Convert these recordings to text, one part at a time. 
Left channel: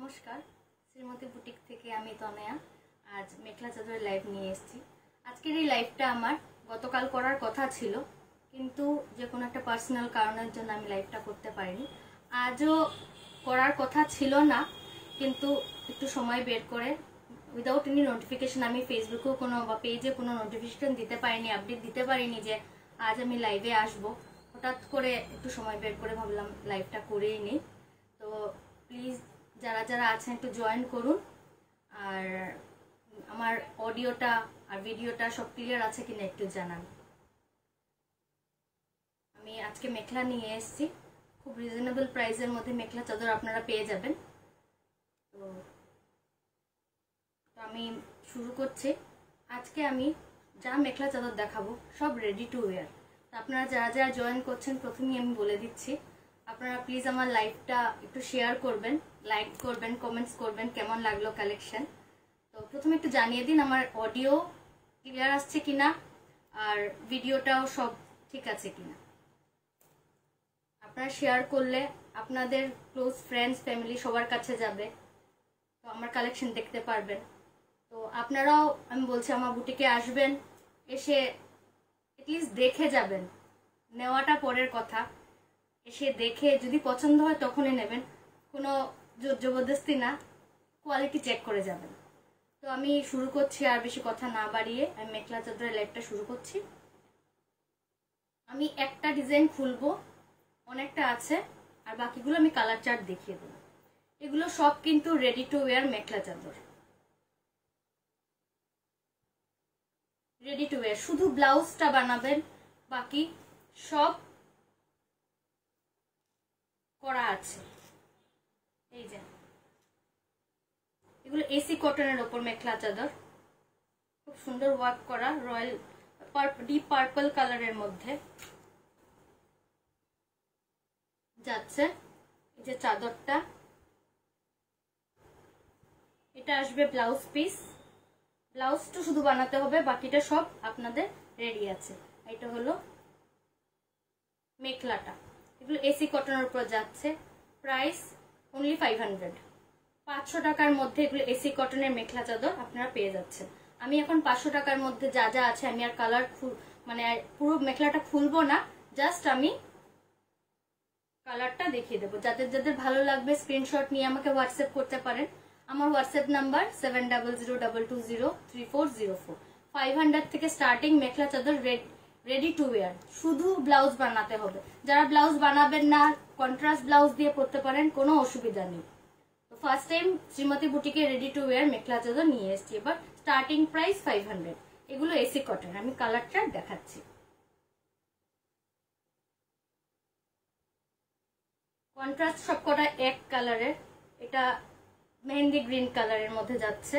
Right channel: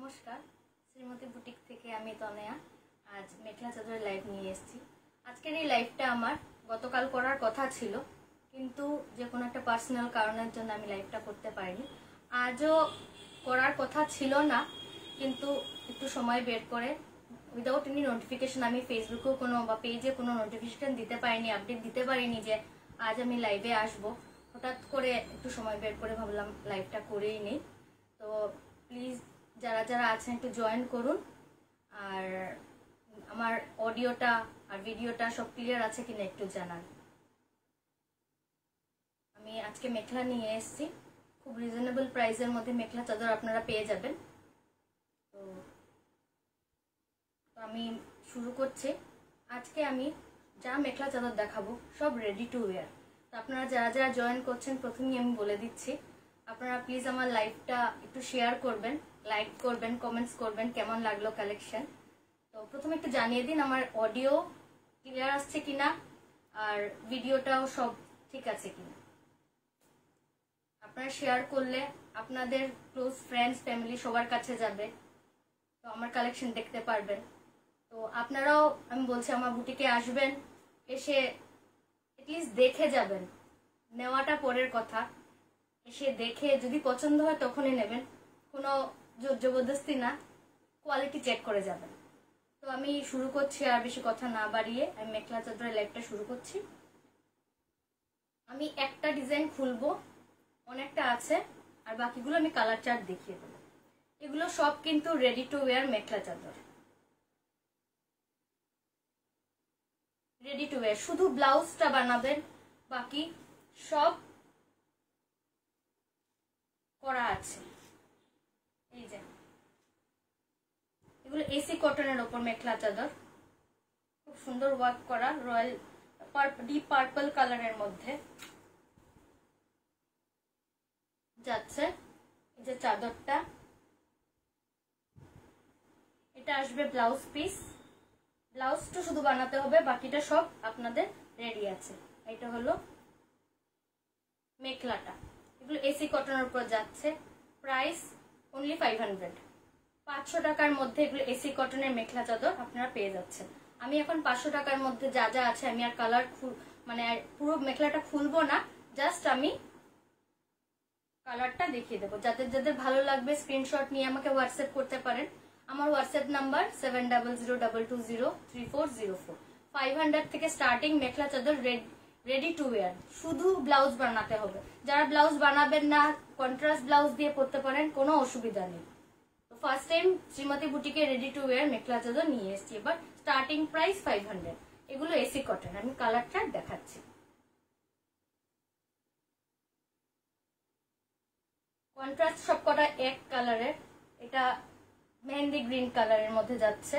নমস্কার, শ্রীমতী বুটিক থেকে আমি তনয়া। আজ মেখলা চাদরের লাইভ নিয়ে এসেছি। আজকের এই লাইভটা আমার গতকাল করার কথা ছিল, কিন্তু যে কোনো একটা পার্সোনাল কারণের জন্য আমি লাইভটা করতে পারিনি। আজও করার কথা ছিল না, কিন্তু একটু সময় বের করে উইদাউট এনি নোটিফিকেশন আমি ফেসবুকেও কোনো বা পেজে কোনো নোটিফিকেশন দিতে পারিনি, আপডেট দিতে পারিনি যে আজ আমি লাইভে আসব। হঠাৎ করে একটু সময় বের করে ভাবলাম লাইভটা করেই নিই। তো প্লিজ যারা যারা আছেন একটু জয়েন করুন, আর আমার অডিওটা আর ভিডিওটা সব ক্লিয়ার আছে কিনা একটু জানান। আমি আজকে মেখলা নিয়ে এসেছি, খুব রিজনেবল প্রাইসের মধ্যে মেখলা চাদর আপনারা পেয়ে যাবেন। তো আমি শুরু করছি। আজকে আমি যা মেখলা চাদর দেখাবো সব রেডি টু ওয়্যার। তো আপনারা যারা যারা জয়েন করছেন প্রথমেই আমি বলে দিচ্ছি, আপনারা প্লিজ আমার লাইভটা একটু শেয়ার করবেন, লাইক করবেন, কমেন্টস করবেন কেমন লাগলো কালেকশন। তো প্রথমে একটু জানিয়ে দিন আমার অডিও ক্লিয়ার আসছে কিনা আর ভিডিওটাও সব ঠিক আছে কিনা। আপনারা শেয়ার করলে আপনাদের ক্লোজ ফ্রেন্ডস ফ্যামিলি সবার কাছে যাবে, তো আমার কালেকশন দেখতে পারবেন। তো আপনারাও আমি বলছি আমার বুটিকে আসবেন, এসে এটলিস্ট দেখে যাবেন। নেওয়াটা পরের কথা, এসে দেখে যদি পছন্দ হয় তখনই নেবেন, কোনো জোর জবরদস্তি না, কোয়ালিটি চেক করে যাবেন। তো আমি শুরু করছি, আর বেশি কথা না বাড়িয়ে আমি মেখলা চাদরের লাইভটা শুরু করছি। আমি একটা ডিজাইন খুলবো, অনেকটা আছে, আর বাকিগুলো আমি কালার চার্ট দেখিয়ে দেবো। এগুলো সব কিন্তু রেডি টু ওয়্যার মেখলা চাদর, রেডি টু ওয়্যার। শুধু ব্লাউজটা বানাবেন, বাকি সব করা আছে। এই যে এগুলো এসি কটনের ওপর মেখলা চাদর, খুব সুন্দর ওয়ার্ক করা, রয়্যাল ডিপ পার্পল কালারের মধ্যে যাচ্ছে। এই যে চাদরটা, এটা আসবে ব্লাউজ পিস। ব্লাউজটা শুধু বানাতে হবে, বাকিটা সব আপনাদের রেডি আছে। এটা হলো মেখলাটা, এগুলো এসি কটনের উপর যাচ্ছে। প্রাইস অনলি 500, 500 টাকার মধ্যে এগুলো এসি কটনের মেখলা চাদর আপনারা পেয়ে যাচ্ছেন। আমি এখন 500 টাকার মধ্যে যা যা আছে আমি আর কালার মানে পুরো মেখলাটা খুলবো না, জাস্ট আমি কালারটা দেখিয়ে দেবো। যাদের যাদের ভালো লাগবে স্ক্রিনশট নিয়ে আমাকে হোয়াটসঅ্যাপ করতে পারেন। আমার হোয়াটসঅ্যাপ নাম্বার 7002223404। 500 থেকে স্টার্টিং মেখলা চাদর রেডি টু ওয়্যার, শুধু ব্লাউজ বানাতে হবে। যারা ব্লাউজ বানাবেন না, কন্ট্রাস্ট ব্লাউজ দিয়ে পরতে পারেন, কোনো অসুবিধা নেই। ফার্স্ট টাইম শ্রীমতী বুটিকে ready to wear mekhela chador নিয়ে এসেছি। এবার স্টার্টিং প্রাইস 500। এগুলো এসি কটন, আমি কালারটা দেখাচ্ছি। কন্ট্রাস্ট সবকটা এক কালারের, এটা মেহেন্দি গ্রিন কালারের মধ্যে যাচ্ছে,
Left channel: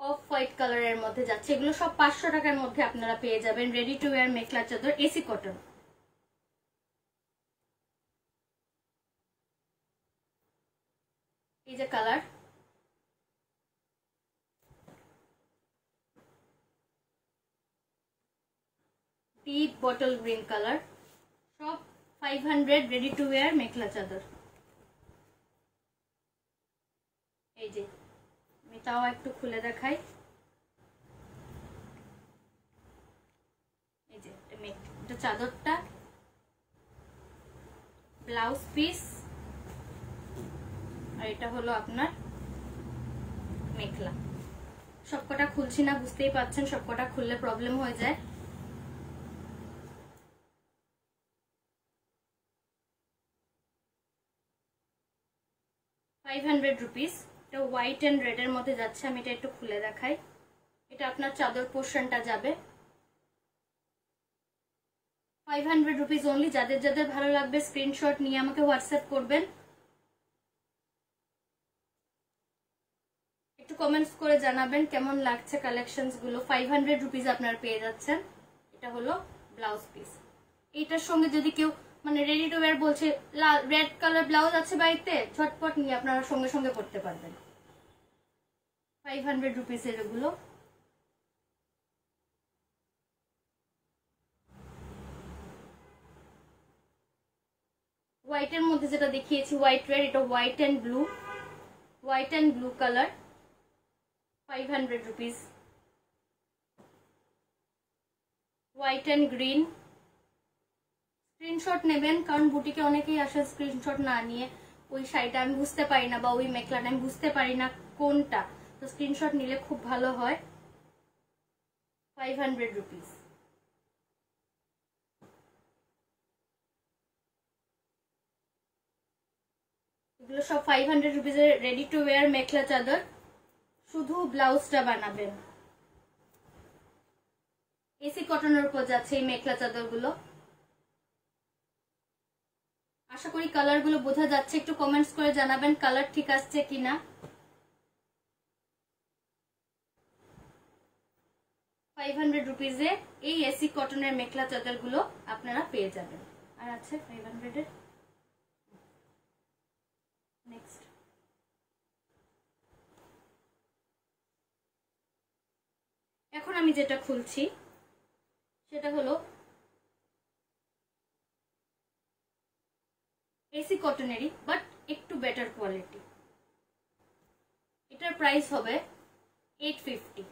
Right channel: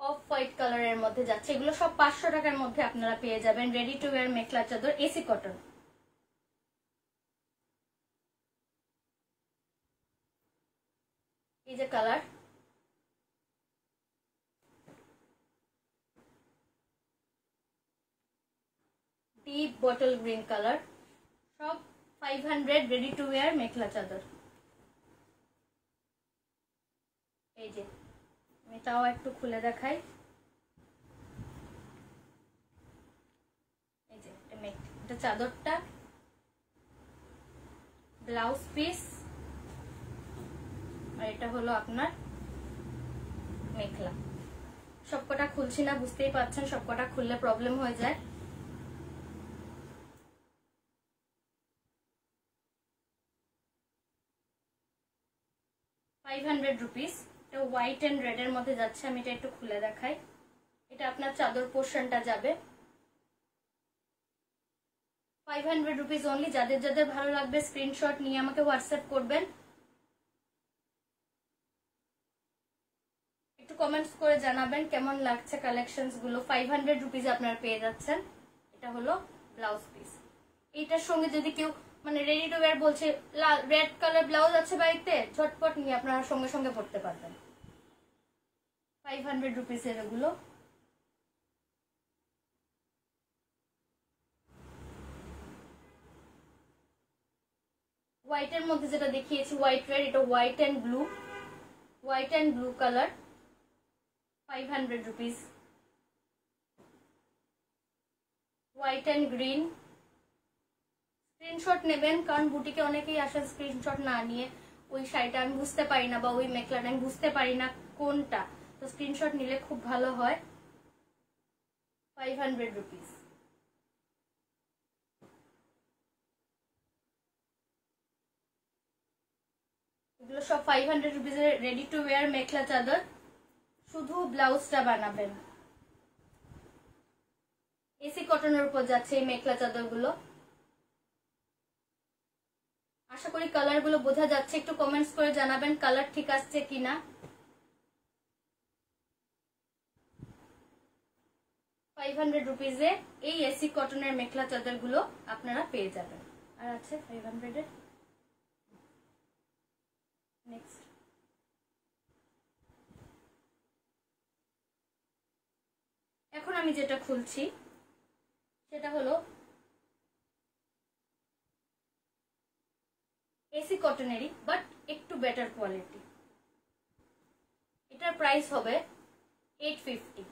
অফ হোয়াইট কালারের মধ্যে যাচ্ছে। এগুলো সব 500 টাকার মধ্যে আপনারা পেয়ে যাবেন রেডি টু ওয়্যার মেখলা চাদর এসি কটন। এই যে colour, deep bottle green colour, সব 500 রেডি টু ওয়্যার মেখলা চাদর। এই যে আমি তাও একটু খুলে দেখাই। এই যে এটা চাদরটা, ব্লাউজ পিস, আর এটা হলো আপনার মেখলা। সবকটা খুলছি না, বুঝতেই পারছেন সবকটা খুললে প্রবলেম হয়ে যায়। ₹500, এটা হোয়াইট এন্ড রেড এর মধ্যে যাচ্ছে। আমি এটা একটু খুলে দেখাই। এটা আপনার চাদর পোর্শনটা যাবে। ₹500 অনলি। যাদের যাদের ভালো লাগবে স্ক্রিনশট নিয়ে আমাকে হোয়াটসঅ্যাপ করবেন, একটু কমেন্টস করে জানাবেন কেমন লাগছে কালেকশনস গুলো। ₹500 আপনারা পেয়ে যাচ্ছেন। এটা হলো ব্লাউজ পিস। এইটার সঙ্গে যদি কেউ মানে রেডি টু ওয়্যার বলছে, রেড কালার ব্লাউজ আছে বাড়িতে, ঝটপট নিয়ে আপনারা সঙ্গে সঙ্গে পড়তে পারবেন। ₹500 এর এগুলো। হোয়াইটের মধ্যে যেটা দেখিয়েছি হোয়াইট রেড, এটা white and blue colour, 500 rupees. White and green, screenshot নেবেন, কারণ বুটিকে অনেকেই আসে স্ক্রিনশট না নিয়ে ওই শাড়িটা আমি বুঝতে পারি না বা ওই মেখলাটা আমি বুঝতে পারি না কোনটা, তো স্ক্রিনশট নিলে খুব ভালো হয়। 500 রুপিস। এগুলো সব 500 রুপিসের রেডি টু ওয়্যার মেখলা চাদর, শুধু ব্লাউজটা বানাবেন। এসি কটনের উপর যাচ্ছে এই মেখলা চাদরগুলো। আশা করি কালার গুলো বোঝা যাচ্ছে, একটু কমেন্টস করে জানাবেন কালার ঠিক আসছে কিনা। 500 রুপিসে এই এসি কটনের মেখলা চাদর গুলো আপনারা পেয়ে যাবেন। আর আছে 500 এর নেক্সট। এখন আমি যেটা খুলছি সেটা হলো এসি কটনেরই বাট একটু বেটার কোয়ালিটি। এটার প্রাইস হবে 850।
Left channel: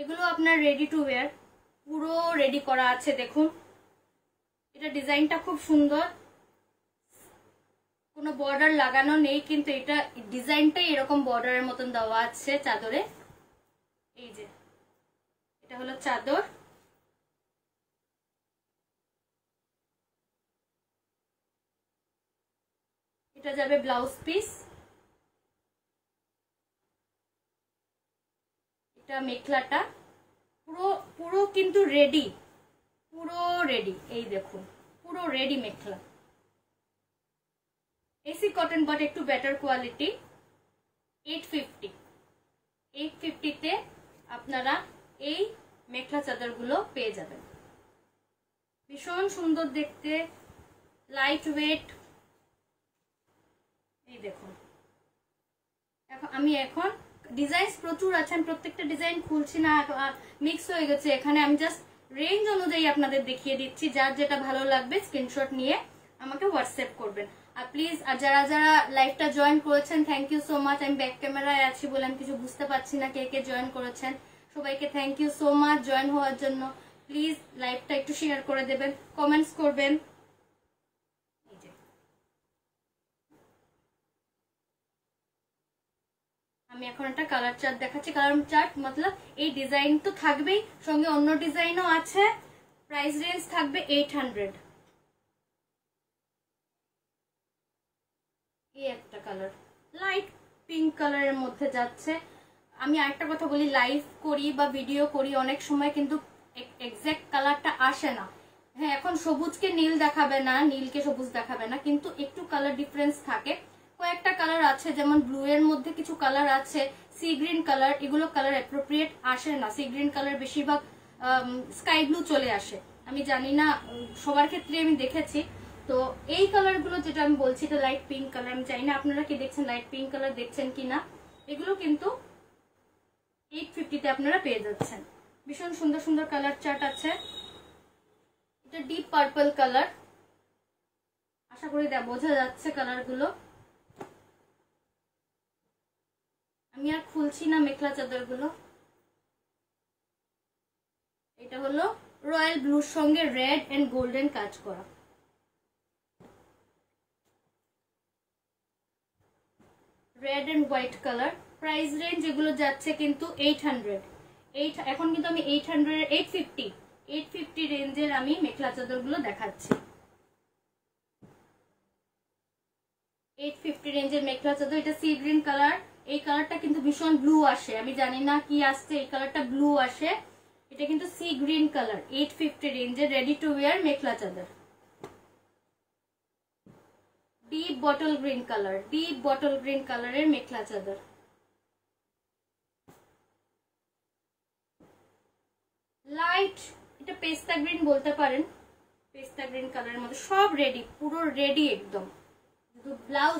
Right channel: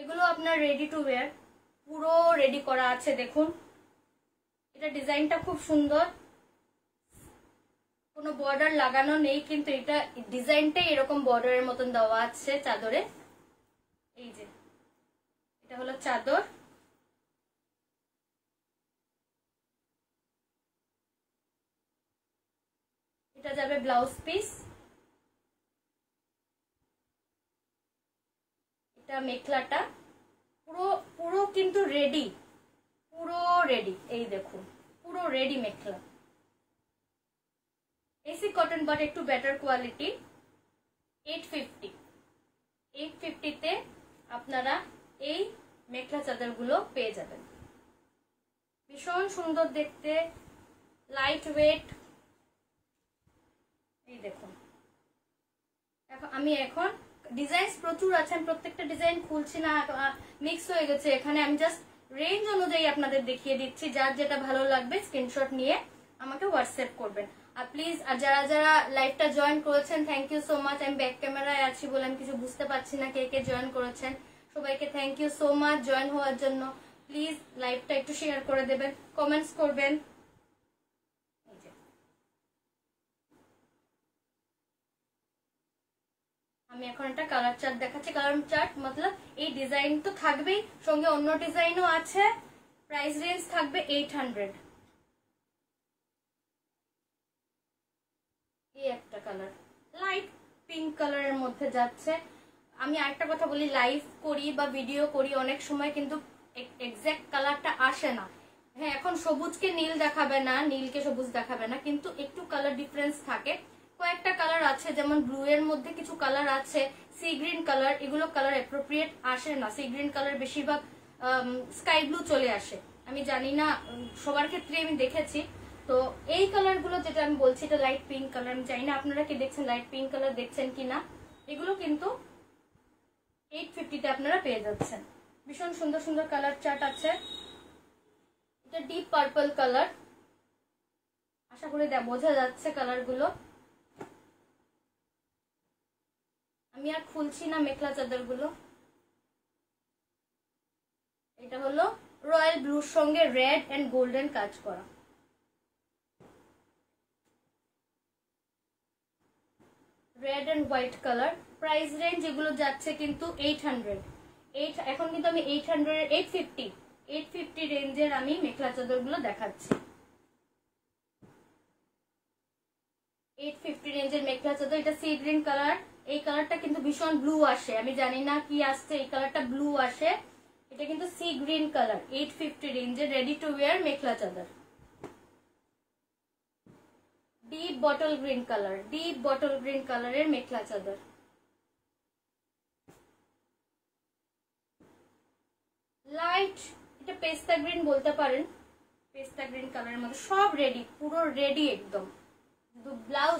এগুলো আপনার রেডি টু ওয়্যার, পুরো রেডি করা আছে। দেখুন এটা ডিজাইনটা খুব সুন্দর, কোনো বর্ডার লাগানো নেই, কিন্তু এটা ডিজাইনটাই এরকম বর্ডারের মতন দেওয়া আছে চাদরে। এই যে এটা হলো চাদর, এটা যাবে ব্লাউজ পিস, এটা মেখলাটা পুরো পুরো কিন্তু রেডি, পুরো রেডি। এই দেখুন পুরো ready mekhela, AC cotton but একটু বেটার কোয়ালিটি। 850 তে আপনারা এই মেখলা চাদর গুলো পেয়ে যাবেন। ভীষণ সুন্দর দেখতে, লাইট ওয়েট। এই দেখুন আমি এখন ডিজাইন প্রচুর আছে, আমি প্রত্যেকটা ডিজাইন খুলছি না, মিক্স হয়ে গেছে এখানে। আমি জাস্ট রেঞ্জ অনুযায়ী আপনাদের দেখিয়ে দিচ্ছি, যার যেটা ভালো লাগবে স্ক্রিনশট নিয়ে আমাকে হোয়াটসঅ্যাপ করবেন। আর প্লিজ যারা যারা লাইভটা জয়েন করেছেন থ্যাংক ইউ সো মাচ। আমি ব্যাক ক্যামেরায় আছি বলে আমি কিছু বুঝতে পারছি না কে কে জয়েন করেছেন। সবাইকে thank you so much join হওয়ার জন্য। প্লিজ লাইভটা একটু শেয়ার করে দেবেন, কমেন্টস করবেন। আমি এখন একটা কালার চার্ট দেখাচ্ছি। কালার চার্ট মতলব এই ডিজাইন তো থাকবেই, সঙ্গে অন্য ডিজাইনও আছে। প্রাইস রেঞ্জ থাকবে 800। এই একটা কালার লাইট পিঙ্ক কালারের মধ্যে যাচ্ছে। আমি আরেকটা কথা বলি, লাইভ করি বা ভিডিও করি অনেক সময় কিন্তু এক্সাক্ট কালারটা আসে না। হ্যাঁ এখন সবুজকে নীল দেখাবে না, নীলকে সবুজ দেখাবে না, কিন্তু একটু কালার ডিফারেন্স থাকে। কয়েকটা কালার আছে, যেমন ব্লু এর মধ্যে কিছু কালার আছে, সি গ্রিন কালার, এগুলো কালার অ্যাপ্রোপ্রিয়েট আসে না। সি গ্রিন কালার বেশিরভাগ স্কাই ব্লু চলে আসে, আমি জানি না সবার ক্ষেত্রে আমি দেখেছি। তো এই কালার গুলো যেটা আমি বলছি এটা লাইট পিঙ্ক কালার, আমি জানি না আপনারা কি দেখছেন, লাইট পিঙ্ক কালার দেখছেন কিনা। এগুলো কিন্তু 850 তে আপনারা পেয়ে যাচ্ছেন। ভীষণ সুন্দর সুন্দর কালার চার্ট আছে। এটা ডিপ পার্পল কালার, আশা করি বোঝা যাচ্ছে কালার গুলো। আমি আর খুলছি না মেখলা চাদর গুলো। এটা হলো রয়্যাল ব্লুর সঙ্গে রেড এন্ড গোল্ডেন কাজ করা। Red and white colour. Price range এগুলো যাচ্ছে কিন্তু 800। এখন কিন্তু আমি 850 রেঞ্জের আমি মেখলা চাদর গুলো দেখাচ্ছি। 850 রেঞ্জের মেখলা চাদর। এটা সি গ্রিন কালার, এই কালারটা কিন্তু ভীষণ ব্লু আসে, আমি জানি না কি আসছে, এই কালারটা ব্লু আসে। এটা কিন্তু সি গ্রিন কালার। 850 রেঞ্জের রেডি টু ওয়্যার মেখলা চাদর। Deep bottle green colour, deep bottle green কালারের মেখলা চাদর। লাইট এটা পেস্তা গ্রিন বলতে পারেন, পেস্তা গ্রিন কালারের মধ্যে সব রেডি, পুরো রেডি একদম।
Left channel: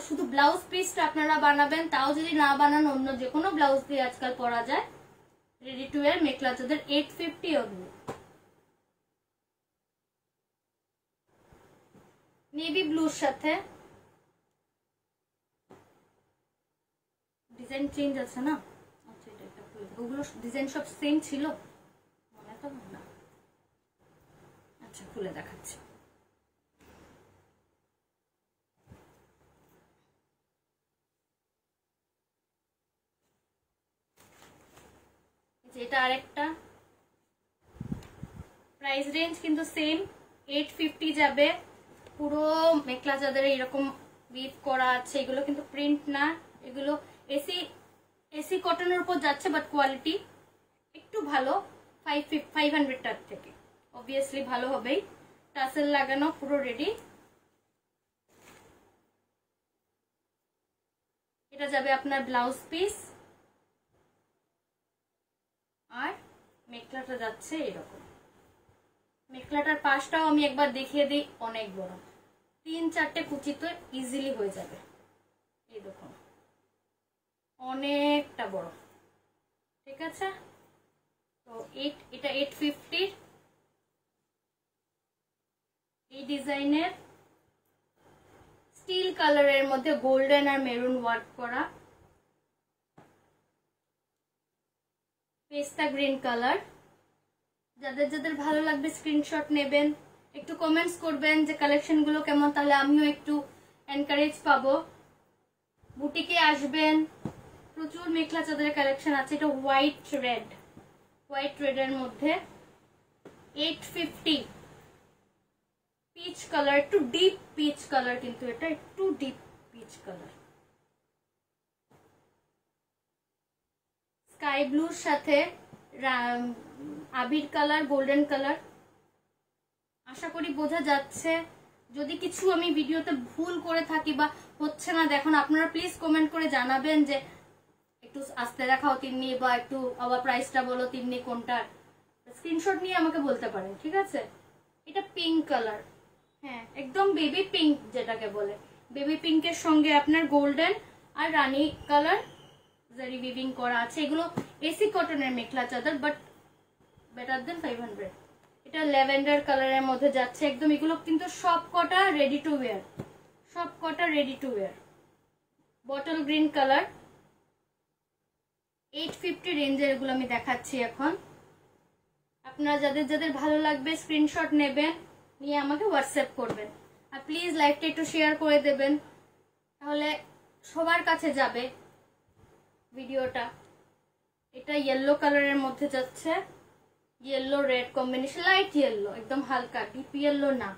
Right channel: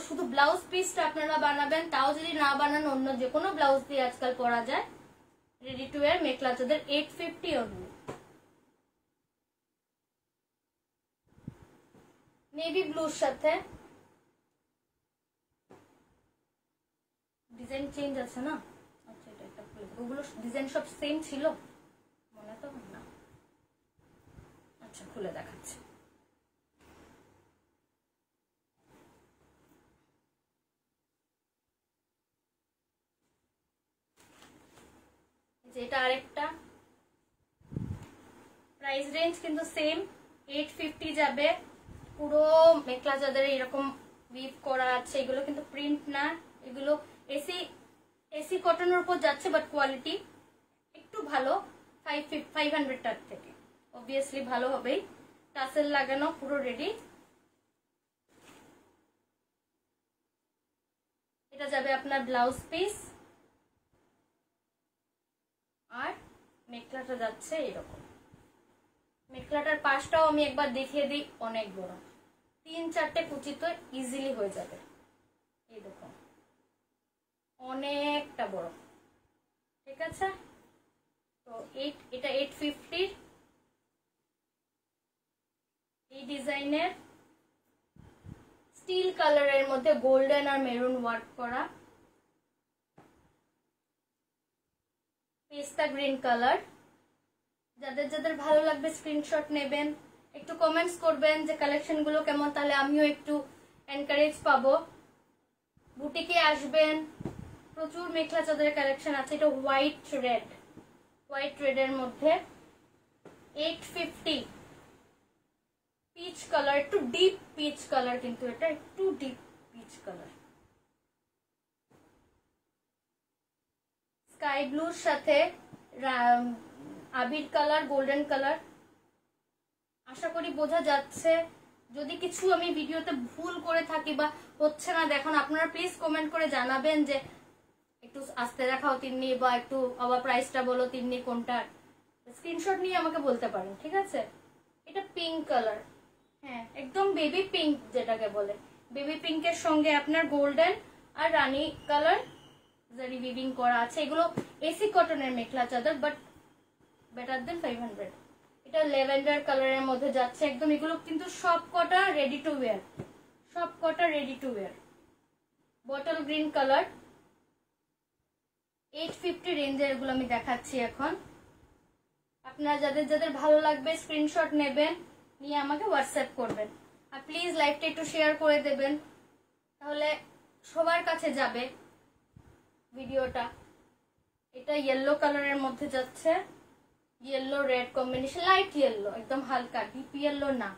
শুধু ব্লাউজ পিসটা আপনারা বানাবেন, তাও যদি না বানান অন্য যে কোনো ব্লাউজ দিয়ে আজকাল পরা যায়। রেডি টু ওয়্যার মেখলা চাদর 850 অনলি। নেভি ব্লুর সাথে ডিজাইন চেঞ্জ আছে না। আচ্ছা এটা একটা ওগুলো ডিজাইন সব সেম ছিল মনে তো না। আচ্ছা খুলে দেখাচ্ছি। এটা আরেকটা প্রাইস রেঞ্জ কিন্তু সেম 850 যাবে। পুরো মেখলা চাদরে এরকম উইভ করা আছে, এগুলো কিন্তু প্রিন্ট না, এগুলো এসি এসি কটনের উপর যাচ্ছে, বাট কোয়ালিটি একটু ভালো 500 টাকা থেকে, অবভিয়াসলি ভালো হবেই। টাসেল লাগানো পুরো রেডি। এটা যাবে আপনার ব্লাউজ পিস, আর মেখলাটা যাচ্ছে এরকম। মেখলাটার পাশটাও আমি একবার দেখিয়ে দিই, অনেক বড়, 3-4টে কুচি তো ইজিলি হয়ে যাবে। এই দেখুন অনেকটা বড়, ঠিক আছে। তো এটা 850 এই ডিজাইনের স্টিল কালারের মধ্যে গোল্ডেন আর মেরুন ওয়ার্ক করা, পেস্তা গ্রিন কালার। যাদের যাদের ভালো লাগবে স্ক্রিনশট নেবেন, একটু কমেন্টস করবেন যে কালেকশন গুলো কেমন, তাহলে আমিও একটু এনকারেজ পাবো। বুটিকে আসবেন, প্রচুর মেখলা চাদরের কালেকশন আছে। এটা হোয়াইট রেড এর মধ্যে 850 পিচ কালার, একটু ডিপ পিচ কালার, কিন্তু এটা একটু ডিপ পিচ কালার, স্কাই ব্লুর সাথে আবির কালার, গোল্ডেন কালার। আশা করি বোঝা যাচ্ছে। যদি কিছু আমি ভিডিওতে ভুল করে থাকি বা হচ্ছে না দেখুন, আপনারা প্লিজ কমেন্ট করে জানাবেন যে একটু আস্তে দেখাও তিন্নি, বা একটু আবার প্রাইসটা বলো তিন্নি কোনটা। স্ক্রিনশট নিয়ে আমাকে বলতে পারেন, ঠিক আছে। এটা পিঙ্ক কালার, হ্যাঁ একদম বেবি পিঙ্ক যেটাকে বলে। বেবি পিঙ্কের সঙ্গে আপনার গোল্ডেন আর রানী কালার জারি উইভিং করা আছে। এগুলো এসি কটনের মেখলা চাদর, বাট বেটার দেন 500। এটা ল্যাভেন্ডার কালারের মধ্যে যাচ্ছে একদম। এগুলো কিন্তু সব কটা রেডি টু ওয়্যার, সব কটা ready to wire. Bottle green colour 850 রেঞ্জের এগুলো আমি দেখাচ্ছি এখন। আপনারা যাদের যাদের ভালো লাগবে স্ক্রিনশট নেবেন, নিয়ে আমাকে হোয়াটসঅ্যাপ করবেন। আর প্লিজ লাইভটা একটু শেয়ার করে দেবেন, তাহলে সবার কাছে যাবে ভিডিওটা। এটা ইয়েলো কালারের মধ্যে যাচ্ছে, yellow red combination, light yellow, একদম হালকা, ডিপ ইয়েলো না।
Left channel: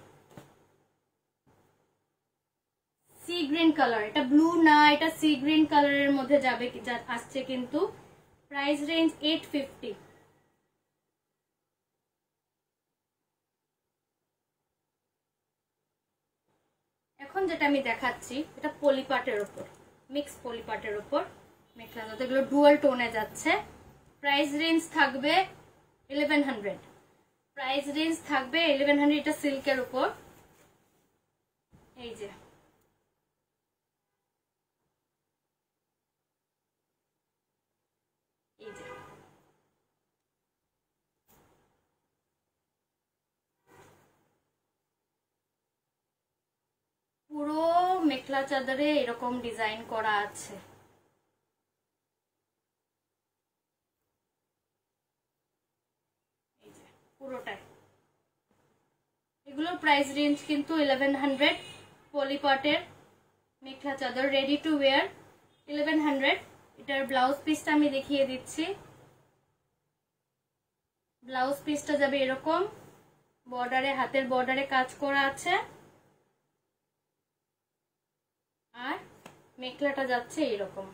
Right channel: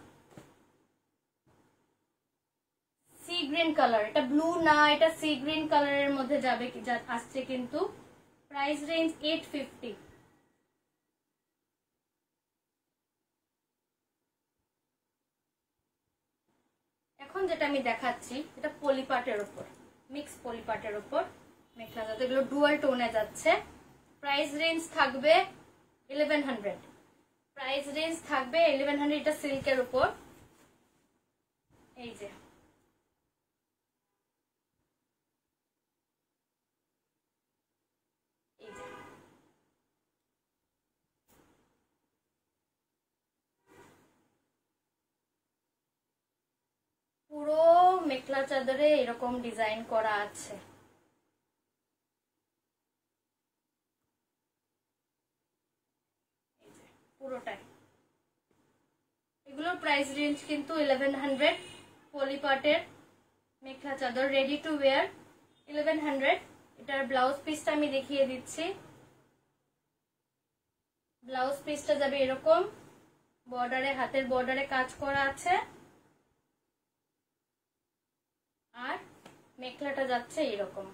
সি গ্রিন কালার, এটা ব্লু না, এটা সি গ্রিন কালারের মধ্যে যাবে আসছে কিন্তু। Price range 850। এখন যেটা আমি দেখাচ্ছি এটা পলিপাটের উপর, মিক্স পলিপাটের উপর মেখলা চাদর, এগুলো ডুয়াল টোনে যাচ্ছে। প্রাইস রেঞ্জ থাকবে 1100। প্রাইস রেঞ্জ থাকবে 1100। এটা সিল্কের উপর, এই যে পুরো মেখলা চাদরে এরকম ডিজাইন করা আছে। পুরোটাই এগুলোর প্রাইস রেঞ্জ কিন্তু 1100। পলিপাটের মেখলা চাদর রেডি টু ওয়্যার 1100। এটার ব্লাউজ পিসটা আমি দেখিয়ে দিচ্ছি। ব্লাউজ পিসটা যাবে এরকম, বর্ডারে, হাতের বর্ডারে কাজ করা আছে, আর মেখলাটা যাচ্ছে এরকম।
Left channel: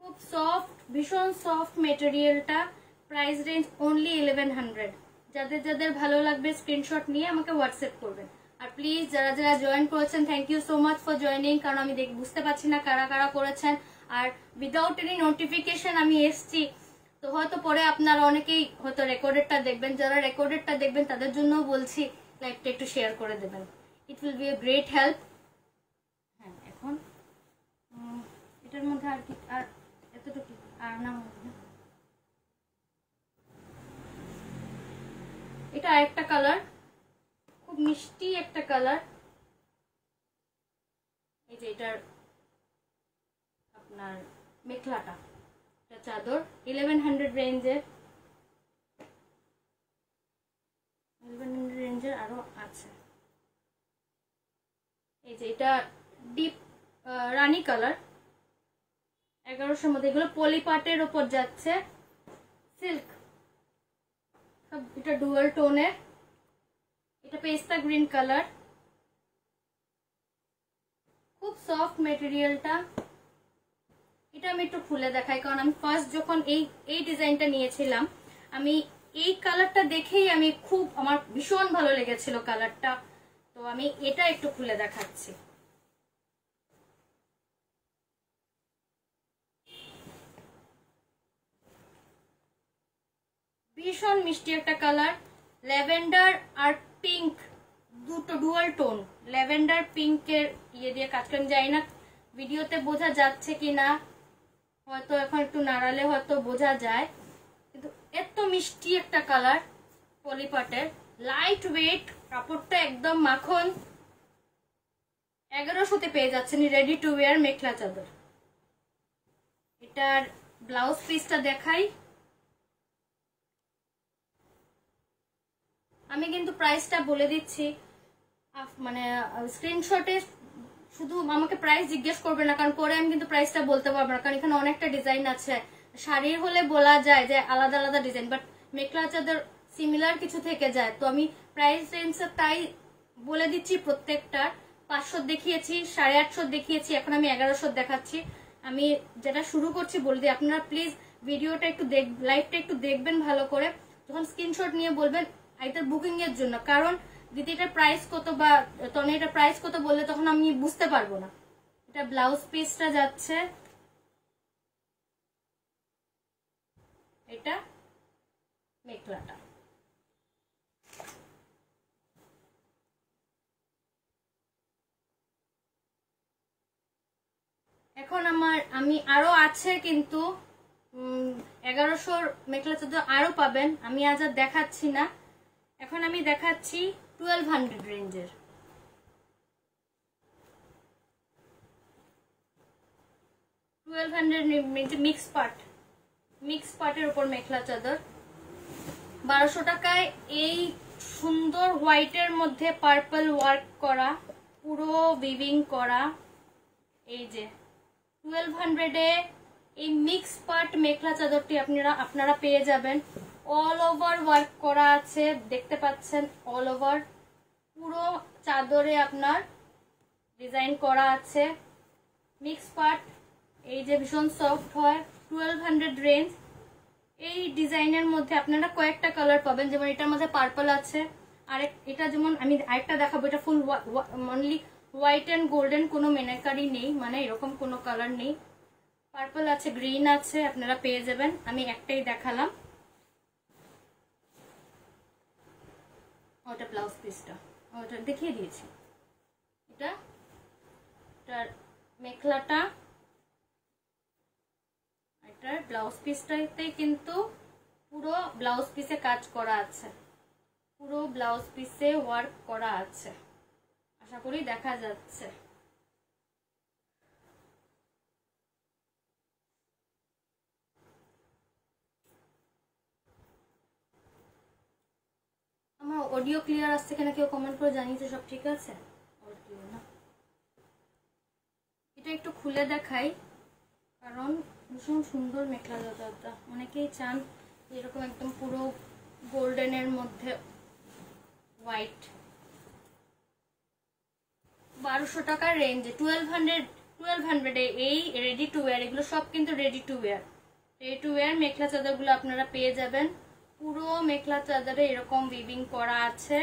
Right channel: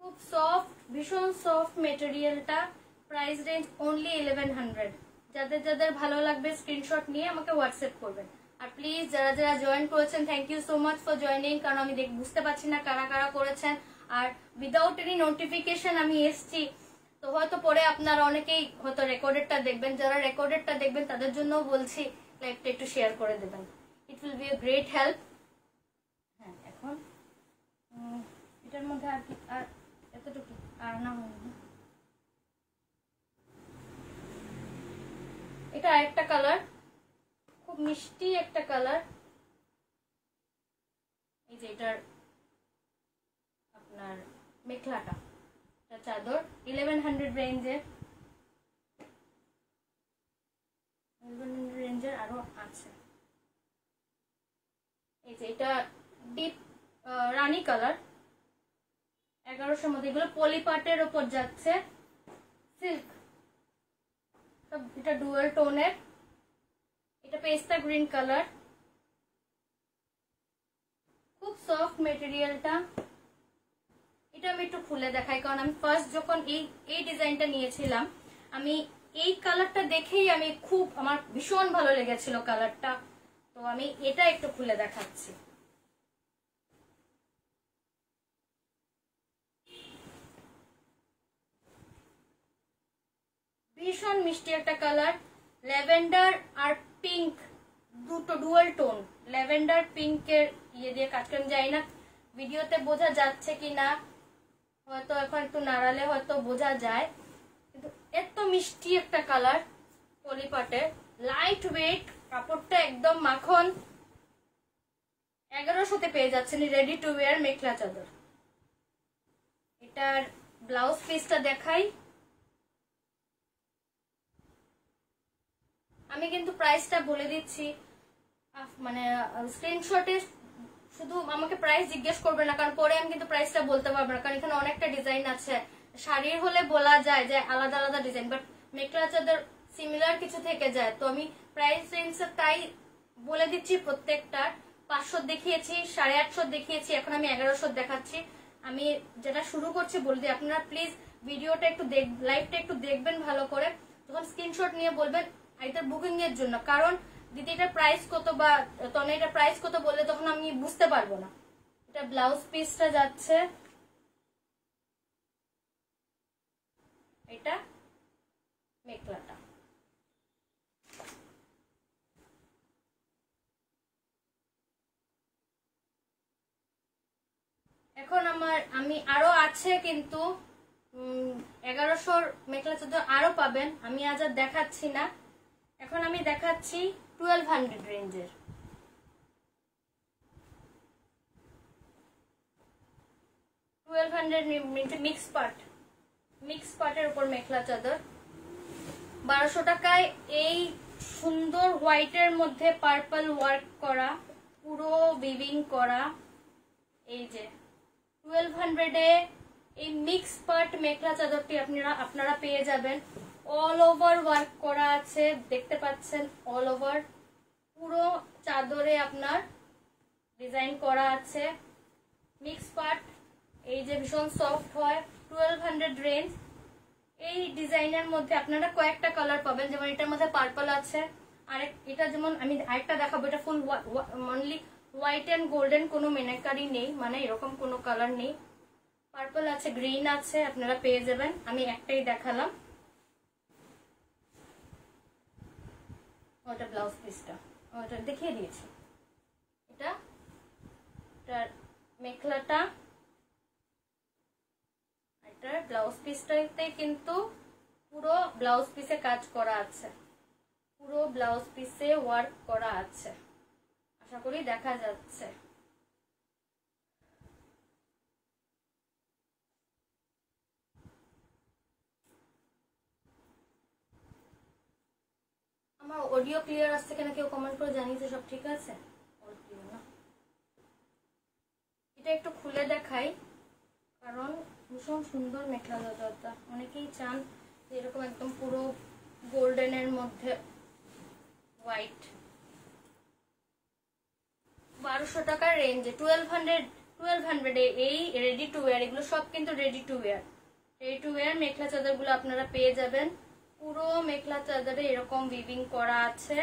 খুব সফট, ভীষণ সফট মেটেরিয়ালটা। Price range only 1100। যাদের যাদের ভালো লাগবে স্ক্রিনশট নিয়ে আমাকে হোয়াটসঅ্যাপ করবেন। আর প্লিজ যারা যারা জয়েন করেছেন, thank you so much for joining, কারণ আমি বুঝতে পারছি না কারা কারা করেছেন। আর উইদাউট এনি নোটিফিকেশন আমি এসছি, তো হয়তো পরে আপনারা অনেকেই হয়তো রেকর্ডেডটা দেখবেন। যারা রেকর্ডেডটা দেখবেন তাদের জন্য বলছি লাইভটা একটু শেয়ার করে দেবেন, it will B a great help. হ্যাঁ এখন এটার মধ্যে আর কি, আর এতটুকু আর না হয়নি। এটা আরেকটা কালার, খুব মিষ্টি একটা কালার। এই যে এটার আপনার মেখলাটা, চাদর 1100 রেঞ্জের, 1100 রেঞ্জের আরো আছে। এই যে এটা ডিপ রানী কালার, 1100 মধ্যে। এগুলো পলিপাটের ওপর যাচ্ছে, সিল্ক, এটা ডুয়াল টোনের। এটা পেস্তা গ্রিন কালার, খুব সফট মেটেরিয়ালটা। এটা আমি একটু খুলে দেখাই, কারণ আমি ফার্স্ট যখন এই ডিজাইনটা নিয়েছিলাম, আমি এই কালারটা দেখেই আমার ভীষণ ভালো লেগেছিল কালারটা, তো আমি এটা একটু খুলে দেখাচ্ছি। ভীষণ মিষ্টি একটা কালার, ল্যাভেন্ডার আর পিঙ্ক, দুটো ডুয়াল টোন, ল্যাভেন্ডার পিঙ্কের দিয়ে কাজ করেন। যাই না ভিডিওতে বোঝা যাচ্ছে কিনা, হয়তো এখন একটু নাড়ালে হয়তো বোঝা যায়, কিন্তু এত মিষ্টি একটা কালার, পলিপাটের, লাইট ওয়েট, কাপড়টা একদম মাখন। 1100-তে পেয়ে যাচ্ছেন রেডি টু ওয়্যার মেখলা চাদর। এটার ব্লাউজ পিসটা দেখাই। আমি কিন্তু প্রাইসটা বলে দিচ্ছি, মানে স্ক্রিনশটে শুধু আমাকে প্রাইস জিজ্ঞেস করবে না, কারণ পরে আমি কিন্তু প্রাইসটা বলতে পারবো না, কারণ এখানে অনেকটা ডিজাইন আছে। শাড়ির হলে বলা যায় যে আলাদা আলাদা ডিজাইন, বাট মেখলা চাদর সিমিলার কিছু থেকে যায়, তো আমি প্রাইস রেঞ্জটা তাই বলে দিচ্ছি। প্রত্যেকটার 500 দেখিয়েছি, 850 দেখিয়েছি, এখন আমি 1100 দেখাচ্ছি। আমি যেটা শুরু করছি বলে দিই, আপনারা প্লিজ ভিডিওটা একটু লাইভটা একটু দেখবেন ভালো করে, যখন স্ক্রিনশট নিয়ে বলবেন এটার বুকিং এর জন্য, কারণ দিদি এটার প্রাইস কত বা তনে এটা প্রাইস কত বললে তখন আমি বুঝতে পারবো না। এটা ব্লাউজ পিসটা যাচ্ছে, এটা মেখলাটা। এখন আমি আরো আছে, কিন্তু 1100 মেখলা চাদর আরো পাবেন, আমি আজ আর দেখাচ্ছি না। এখন আমি দেখাচ্ছি 1200 রেঞ্জের। 1200 মিক্স পাটের উপর মেখলা চাদর, 1200 টাকায়। এই সুন্দর হোয়াইটের মধ্যে পার্পল ওয়ার্ক করা, পুরো উইভিং করা। এই যে 1200-এ এই মিক্স পাট মেখলা চাদরটি আপনারা পেয়ে যাবেন। অল ওভার ওয়ার্ক করা আছে, দেখতে পাচ্ছেন, অল ওভার পুরো চাদরে আপনার ডিজাইন করা আছে। মিক্স পাট, এই যে ভীষণ সফট হয়, 1200 রেঞ্জ। এই ডিজাইনের মধ্যে আপনারা কয়েকটা কালার পাবেন, যেমন এটার মধ্যে পার্পল আছে, আর এটা যেমন আমি আরেকটা দেখাবো, এটা ফুল অনলি হোয়াইট এন্ড গোল্ডেন, কোনো মেনাকারি নেই, মানে এরকম কোনো কালার নেই। পার্পল আছে, গ্রিন আছে, আপনারা পেয়ে যাবেন। আমি একটাই দেখালাম, ওটা ব্লাউজ পিসটা ওটা দেখিয়ে দিয়েছি। এটার মেখলাটা, এটার ব্লাউজ পিসটাতে কিন্তু পুরো ব্লাউজ পিসে কাজ করা আছে, পুরো ব্লাউজ পিসে ওয়ার্ক করা আছে, আশা করি দেখা যাচ্ছে। আমার অডিও ক্লিয়ার আসছে কিনা কেউ কমেন্ট করে জানিয়েছে, সব ঠিক আছে? এটা একটু খুলে দেখাই, কারণ ভীষণ সুন্দর মেখলা চাদরটা, অনেকেই চান এরকম একদম পুরো গোল্ডেনের মধ্যে হোয়াইট। 1200 টাকার রেঞ্জে 1200 এই রেডি টু ওয়্যার, এগুলো সব কিন্তু রেডি টু ওয়্যার মেখলা চাদর গুলো আপনারা পেয়ে যাবেন। পুরো মেখলা চাদরে এরকম উইভিং করা আছে,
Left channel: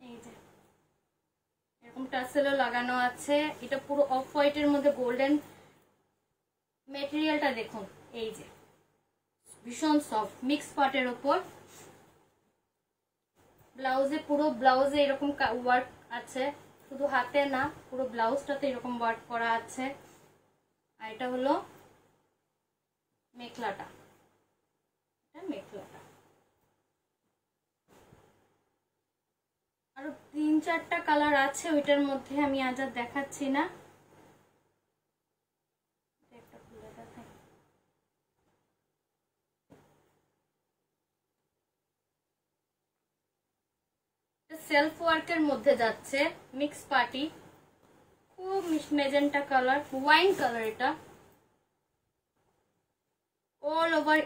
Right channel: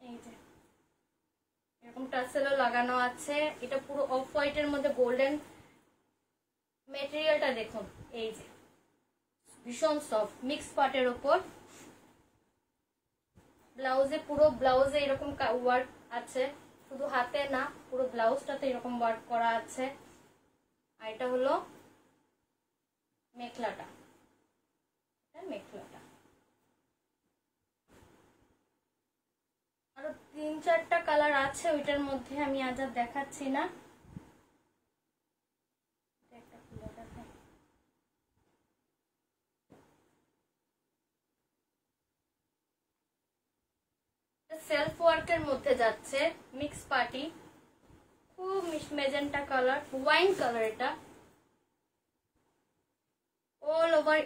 এই যে এরকম টাসেলও লাগানো আছে। এটা পুরো অফ হোয়াইটের মধ্যে গোল্ডেন মেটেরিয়ালটা দেখুন, এই যে ভীষণ সফট মিক্স পাটের উপর। ব্লাউজে পুরো ব্লাউজে এরকম ওয়ার্ক আছে, শুধু হাতে না, পুরো ব্লাউজটাতে এরকম ওয়ার্ক করা আছে। আর এটা হলো মেখলাটা, মেখলাটা আরো 3-4টা কালার আছে, ওইটার মধ্যে আমি আজ আর দেখাচ্ছি না। সেলফ ওয়ার্কের মধ্যে যাচ্ছে, মিক্স পার্টি, খুব মেজেন্টা কালার, ওয়াইন কালার। এটা অল ওভার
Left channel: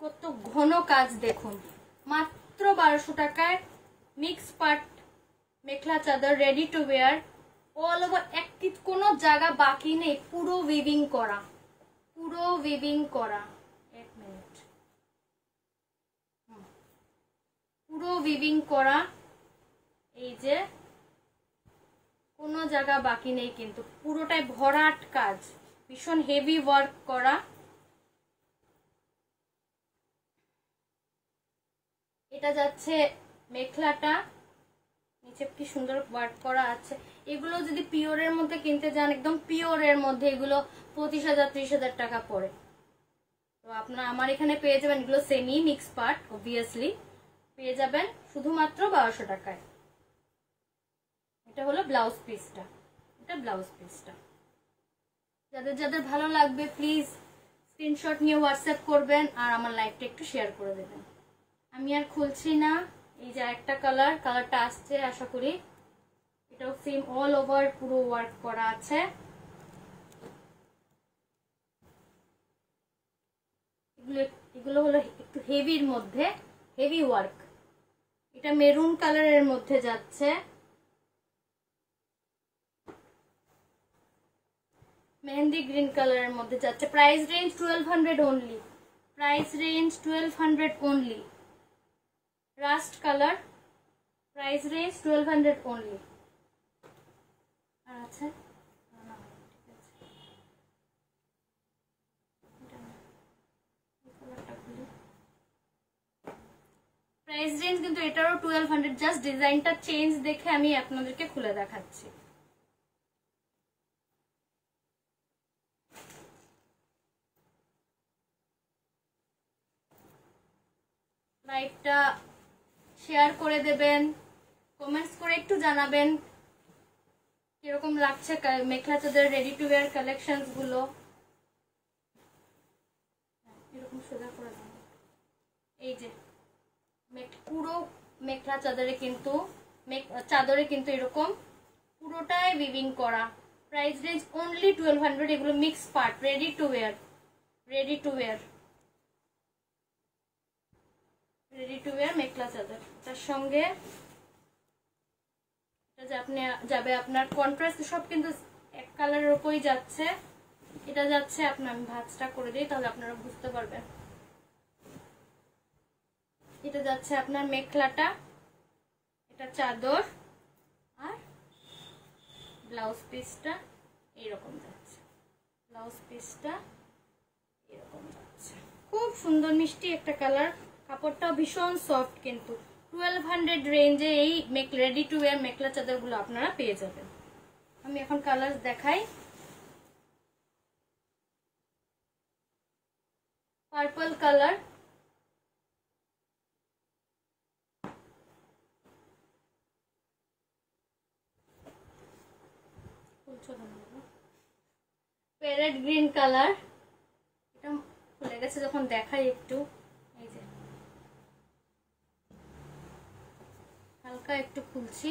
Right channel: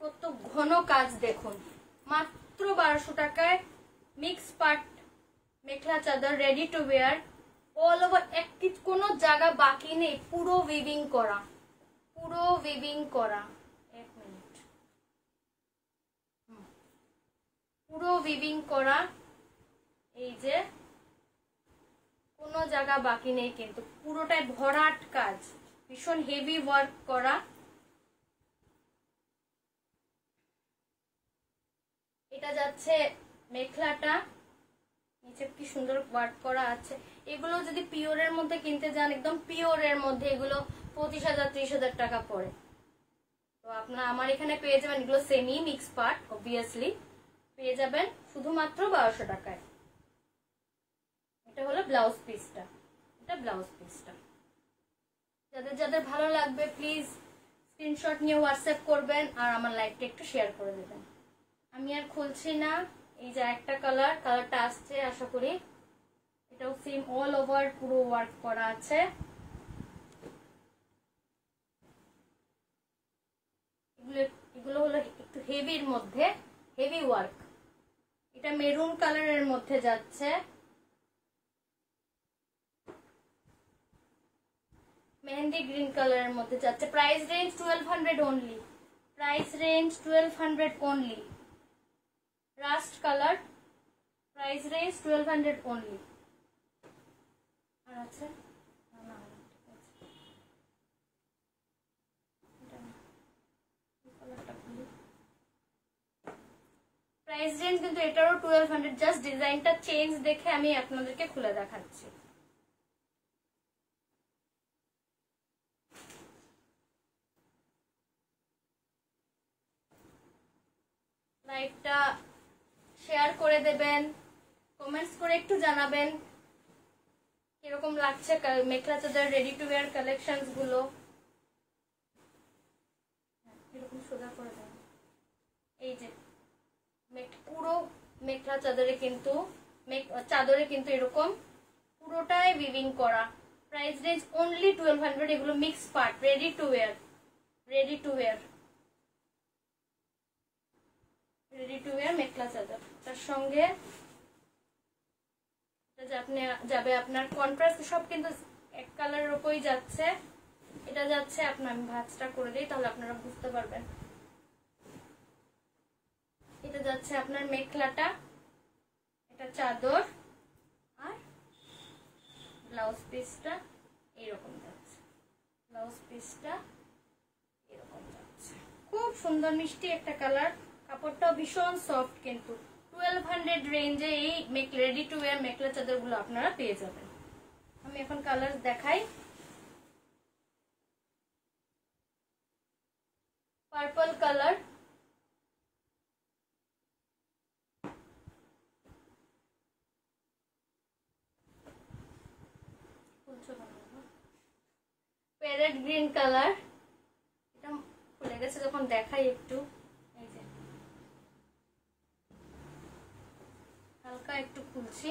কত ঘন কাজ দেখুন, মাত্র 1200 টাকায় মিক্স পার্ট মেখলা চাদর, ready to wire, all over, কোনো জায়গা বাকি নেই, পুরো উইভিং করা, পুরো উইভিং করা। এক মিনিট, পুরো উইভিং করা, এই যে কোনো জায়গা বাকি নেই, কিন্তু পুরোটাই ভরাট কাজ, ভীষণ হেভি ওয়ার্ক করা। এটা যাচ্ছে মেখলাটা, নিচে কি সুন্দর ওয়ার্ক করা আছে। এগুলো যদি পিওরের মধ্যে কিনতে যান, একদম পিওরের মধ্যে এগুলো 25,000-30,000 টাকা পড়ে। তো আপনারা আমার এখানে পেয়ে যাবেন, এগুলো সেমি মিক্স পার্ট, অবভিয়াসলি পেয়ে যাবেন শুধুমাত্র 1200 টাকায়। এটা হলো ব্লাউজ পিসটা, এটা ব্লাউজ পিসটা। যাদের যাদের ভালো লাগবে প্লিজ স্ক্রিনশট নিয়ে হোয়াটসঅ্যাপ করবেন আর আমার লাইভটা একটু শেয়ার করে দেবেন। আমি আর খুলছি না। এই যে একটা কালারটা আসছে আশা করি। এটাও সেম অল ওভার পুরো ওয়ার্ক করা আছে। এগুলো হলো একটু হেভির মধ্যে, হেভি ওয়ার্ক। এটা মেরুন কালারের মধ্যে যাচ্ছে, মেহেন্দি গ্রিন কালারের মধ্যে যাচ্ছে। Price range 1200 only, price range 1200 only. Rust colour, price range 1200 only. আর আছে না, প্রাইস রেঞ্জ কিন্তু এটারও 1200। জাস্ট ডিজাইনটা চেঞ্জ দেখে আমি আপনাদেরকে খুলে দেখাচ্ছি। লাইভটা শেয়ার করে দেবেন, কমেন্টস করে একটু জানাবেন কিরকম লাগছে মেখলা চাদর রেডি টু ওয়্যার কালেকশন গুলো। এরকম সোজা করে দাও। এই যে পুরো মেখলা চাদরে কিন্তু এরকম পুরোটাই উইভিং করা। Price range only 1200। এগুলো mix part, ready to wire, ready to wire, ready to wear mekhela চাদর। তার সঙ্গে যাবে আপনার কন্ট্রাস্ট, সব কিন্তু এক কালারের উপরই যাচ্ছে। এটা যাচ্ছে আপনার, আমি ভাঁজটা করে দিই তাহলে আপনারা বুঝতে পারবেন। এটা যাচ্ছে আপনার মেখলাটা, এটা চাদর, আর ব্লাউজ পিসটা এরকম যাচ্ছে, ব্লাউজ পিসটা এরকম যাচ্ছে। খুব সুন্দর মিষ্টি একটা কালার, কাপড়টা ভীষণ সফট। কিন্তু 1200 রেঞ্জে এই রেডি টু ওয়্যার মেখলা চাদর গুলো আপনারা পেয়ে যাবেন। আমি এখন কালার দেখাই। Purple colour, parrot green colour, এটা খুলে গেছে যখন দেখাই একটু। এই যে হালকা একটু খুলছি।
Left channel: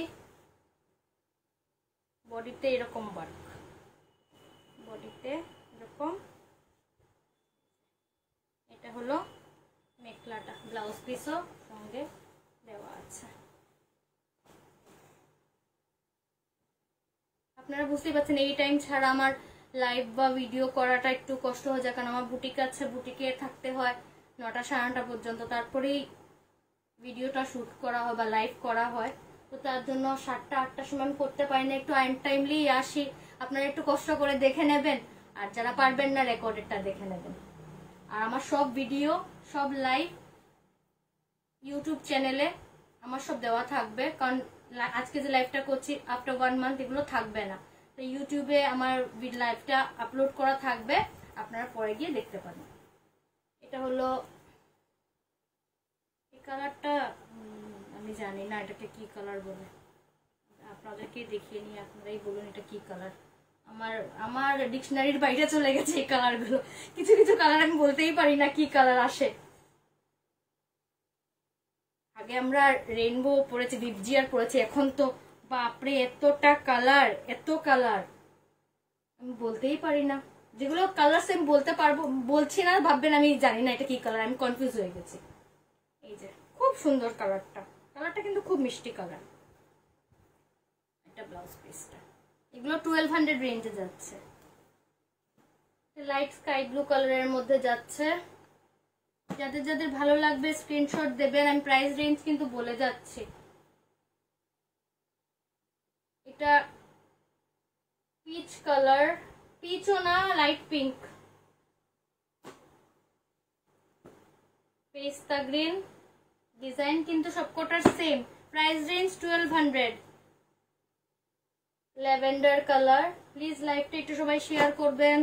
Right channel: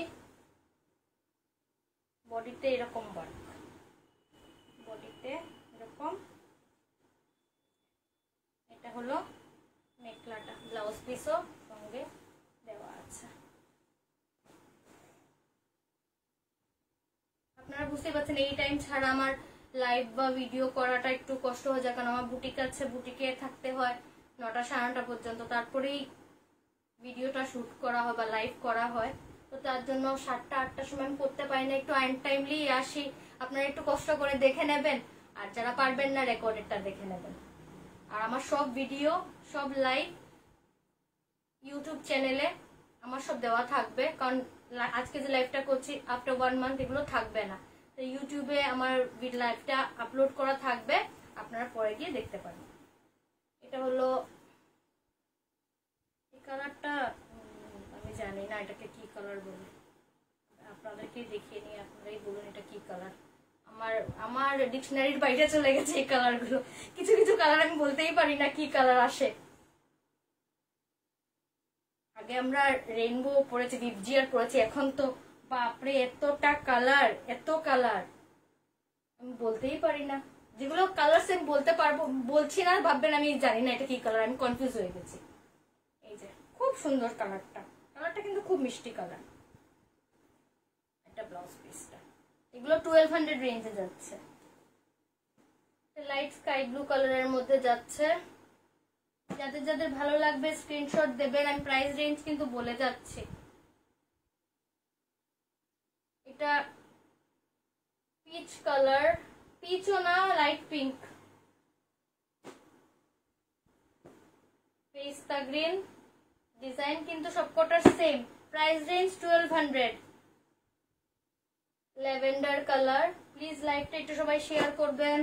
বডিতে এরকম ওয়ার্ক, বডিতে এরকম। এটা হলো মেখলাটা, ব্লাউজ পিসও সঙ্গে দেওয়া আছে। আপনারা বুঝতে পারছেন এই টাইম ছাড়া আমার লাইভ বা ভিডিও করাটা একটু কষ্ট হয়ে যায়, কারণ আমার বুটিক আছে, বুটিকে থাকতে হয় 9টা 9:30 পর্যন্ত, তারপরেই ভিডিওটা শুট করা হয় বা লাইভ করা হয়। তো তার জন্য 7টা 8টার সময় আমি করতে পারি না, একটু আনটাইমলি আসি। আপনারা একটু কষ্ট করে দেখে নেবেন, আর যারা পারবেন না রেকর্ডেডটা দেখে নেবেন। আর আমার সব ভিডিও, সব লাইভ ইউটিউব চ্যানেলে আমার সব দেওয়া থাকবে, কারণ আজকে যে লাইভটা করছি আফটার 1 মান্থ এগুলো থাকবে না। তো ইউটিউবে আমার লাইভটা আপলোড করা থাকবে, আপনারা পরে গিয়ে দেখতে পারেন। এটা হলো এই কালারটা, আমি জানি না এটাকে কি কালার বলে, আপনাদেরকে দেখিয়ে নিয়ে আপনারাই বলুন এটা কি কালার। আমার ডিকশনারির বাইরে চলে গেছে এই কালার গুলো। কিছু কিছু কালার আমি বলতেই পারি না কি কালার আসে। আগে আমরা রেইনবো পড়েছি, ভিপজিআর পড়েছি, এখন তো বাপরে এতটা কালার, এত কালার আমি বলতেই পারি না। যেগুলো কালার আমি বলতে পারবো, বলছি না ভাববেন আমি জানি না এটা কি কালার, আমি কনফিউজ হয়ে গেছি। এই যে খুব সুন্দর কালারটা, কালারটা কিন্তু খুব মিষ্টি কালার। এটা ব্লাউজ পিসটা, এগুলো 1200 রেঞ্জে যাচ্ছে। লাইট স্কাই ব্লু কালারের মধ্যে যাচ্ছে। যাদের যাদের ভালো লাগবে স্ক্রিনশট দেবেন, আমি প্রাইস রেঞ্জ কিন্তু বলে যাচ্ছি। এটা পিচ কালার, পিচও না, light pink, pista green, design কিন্তু সবকটার same, price range 1200। Lavender colour, please লাইভটা একটু সবাই শেয়ার করবেন।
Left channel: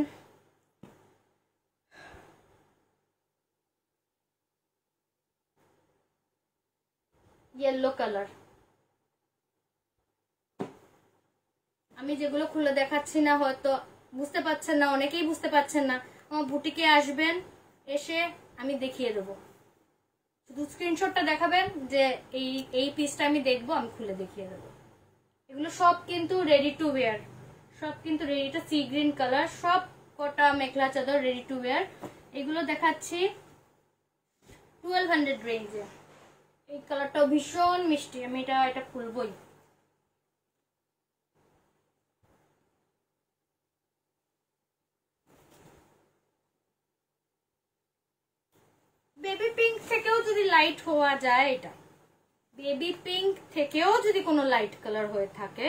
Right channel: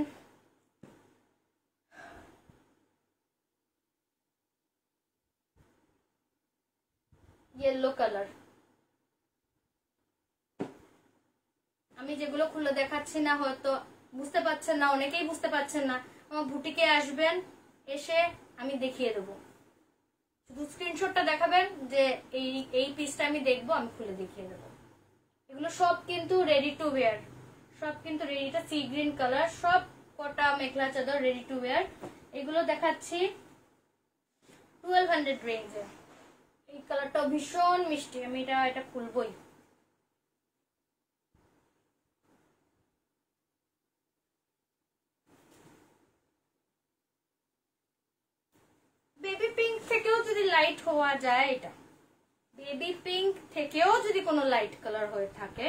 ইয়েলো কালার, আমি যেগুলো খুলে দেখাচ্ছি না হয়তো বুঝতে পারছেন না, অনেকেই বুঝতে পারছেন না, আমার বুটিকে আসবেন, এসে আমি দেখিয়ে দেবো। শুধু স্ক্রিনশটটা দেখাবেন যে এই পিসটা আমি দেখবো, আমি খুলে দেখিয়ে দেবো। এগুলো সব কিন্তু রেডি টু ওয়্যার, সব কিন্তু রেডি। এটা সি গ্রিন কালার, সব কটা মেখলা চাদর রেডি টু ওয়্যার। এগুলো দেখাচ্ছি 1200 রেঞ্জে। এই কালারটাও ভীষণ মিষ্টি, আমি এটা খুলবই। বেবি পিঙ্ক থেকেও যদি লাইট হওয়া যায়, এটা বেবি পিঙ্ক থেকেও যদি কোনো লাইট কালার হয়ে থাকে,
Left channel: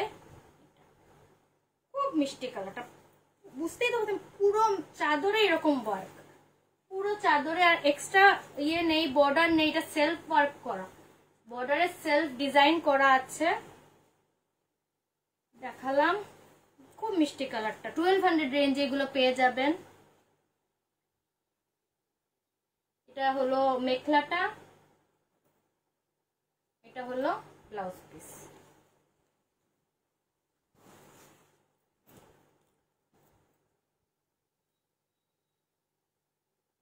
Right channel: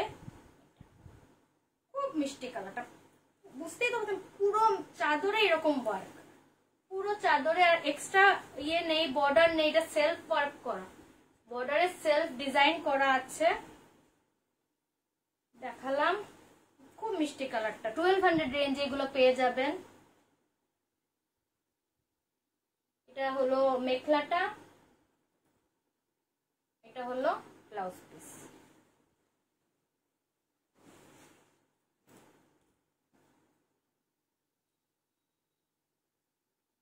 খুব মিষ্টি কালারটা, বুঝতেই তো পারছেন পুরো চাদরে এরকম ওয়ার্ক, পুরো চাদরে আর এক্সট্রা ইয়ে নেই, বর্ডার নেই, এটা সেলফ ওয়ার্ক করা, বর্ডারে সেলফ ডিজাইন করা আছে। দেখালাম, খুব মিষ্টি কালারটা, 1200 রেঞ্জে এগুলো পেয়ে যাবেন। এটা হলো মেখলাটা, এটা হলো ব্লাউজ পিস।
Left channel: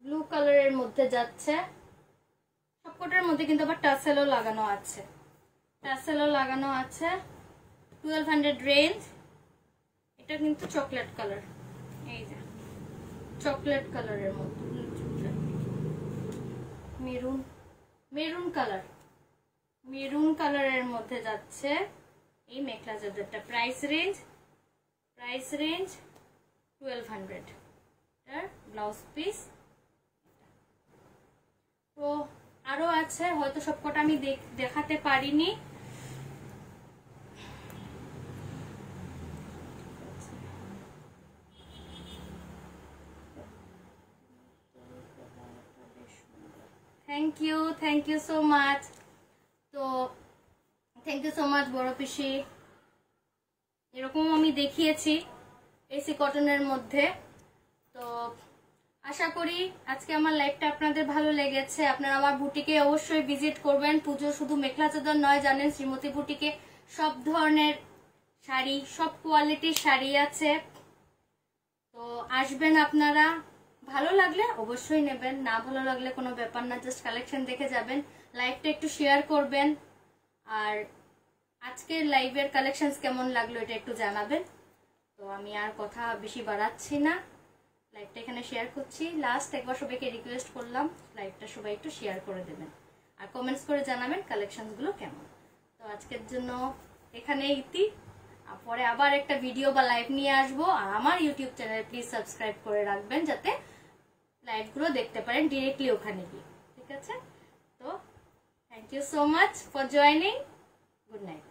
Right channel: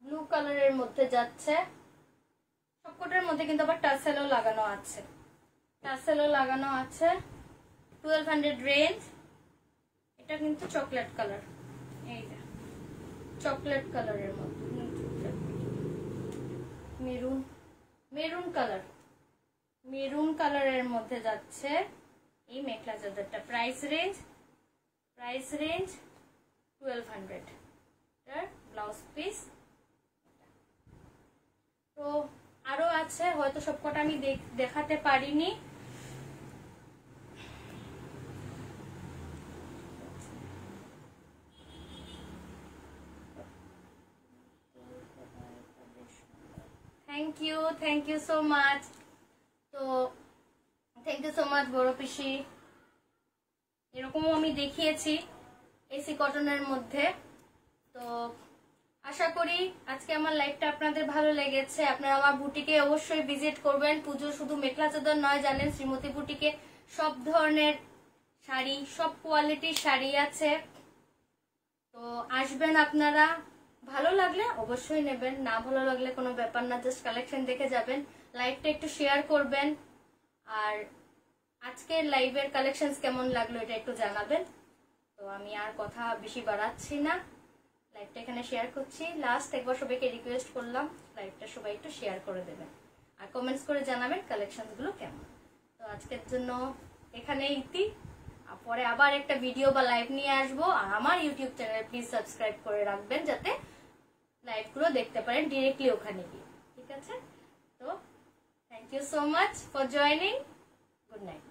ব্লু কালারের মধ্যে যাচ্ছে, সবকটার মধ্যে কিন্তু আবার টাসেলও লাগানো আছে, টাসেলও লাগানো আছে, 1200 রেঞ্জ। এটা কিন্তু চকলেট কালার, এই যে চকলেট কালারের মধ্যে, মেরুন, মেরুন কালার, মেরুন কালারের মধ্যে যাচ্ছে এই মেখলা চাদরটা। Price range 1200। এটার ব্লাউজ পিস। তো আরো আছে, হয়তো সবকটা আমি দেখাতে পারিনি। Thank you so much. তো থ্যাংক ইউ সো মাচ বড় পিসি। এরকম আমি দেখিয়েছি এসি কটনের মধ্যে। তো আশা করি আজকে আমার লাইফটা আপনাদের ভালো লেগেছে। আপনারা আমার বুটিকে অবশ্যই ভিজিট করবেন। পুজো শুধু মেখলা চাদর নয়, জানেন শ্রীমতী বুটিকে সব ধরনের শাড়ি, সব কোয়ালিটির শাড়ি আছে। তো আসবেন আপনারা, ভালো লাগলে অবশ্যই নেবেন, না ভালো লাগলে কোনো ব্যাপার না, জাস্ট কালেকশন দেখে যাবেন। লাইভটা একটু শেয়ার করবেন, আর আজকের লাইভের কালেকশন কেমন লাগলো এটা একটু জানাবেন। তো আমি আর কথা বেশি বাড়াচ্ছি না, লাইভটা এখানে শেয়ার করছি। লাস্ট একবার সবাইকে রিকোয়েস্ট করলাম লাইভটা সবাই একটু শেয়ার করে দেবেন, আর কমেন্টস করে জানাবেন কালেকশন গুলো কেমন। তো আজকের জন্য এখানে ইতি, পরে আবার একটা ভিডিও বা লাইভ নিয়ে আসবো। আর আমার ইউটিউব চ্যানেল প্লিজ সাবস্ক্রাইব করে রাখবেন, যাতে লাইভ গুলো দেখতে পারেন ডিরেক্টলি ওখানে গিয়ে। ঠিক আছে? তো thank you so much for joining. Good night.